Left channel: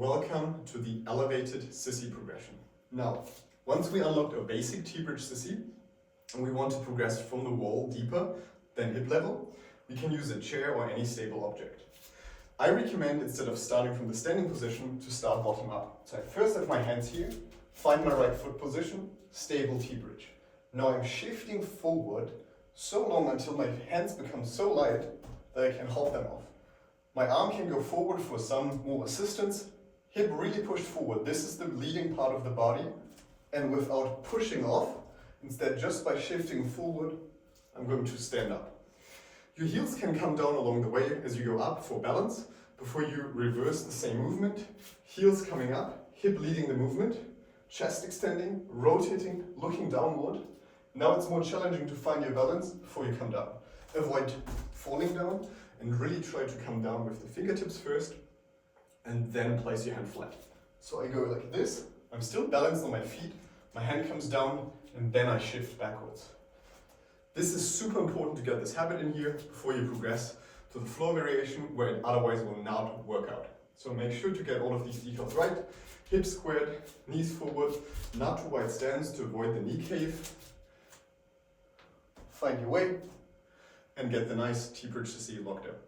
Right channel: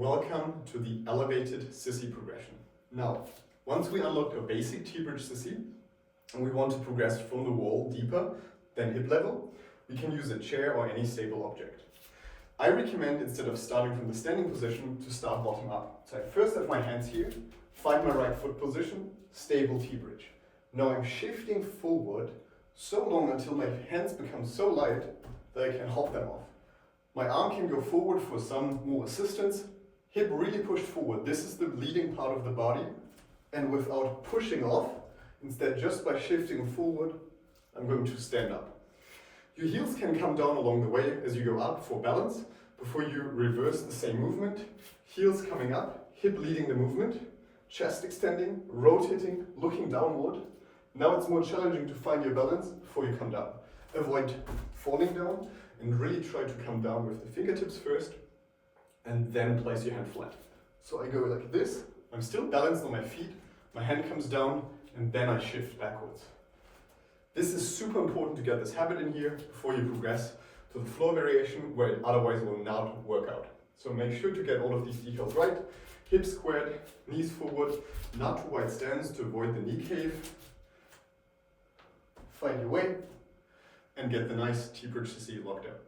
welcome to the elevated sissy progression. Now, once we unlocked a basic T-Bridge Sissy, and we want to progress from the wall deeper than hip level, we can use a chair or any stable object. I recommend, instead of starting from the standing position, to start bottom up. So I first have my hands here, find my right foot position, stable T-Bridge. Now I'm shifting forward so long until my hands become so light that I can hop them off. My arm can go forward for some more assistance, hip really pushed forward. This is the leading part of the body, and without pushing off, instead just by shifting forward, I'm going to stand up. Your heels can come down along the way as you go up for balance, before you reverse the same movement. Heels coming up, hip leading the movement, chest extending, rotating, looking downward. Now it's more challenging to find your balance before you come down. Avoid falling down and really try to come down with the fingertips first and then place your hand flat. So I go like this, I'm still balanced on my feet, my hand comes down and then I shift backwards. This is super important to get this habit in here before you progress to the floor variation where it otherwise will not work out. So make sure to get all of these details right. Hips squared, knees forward, not too wide stance to avoid the knee cave. Find your way and get the nice T-Bridge Sissy locked up.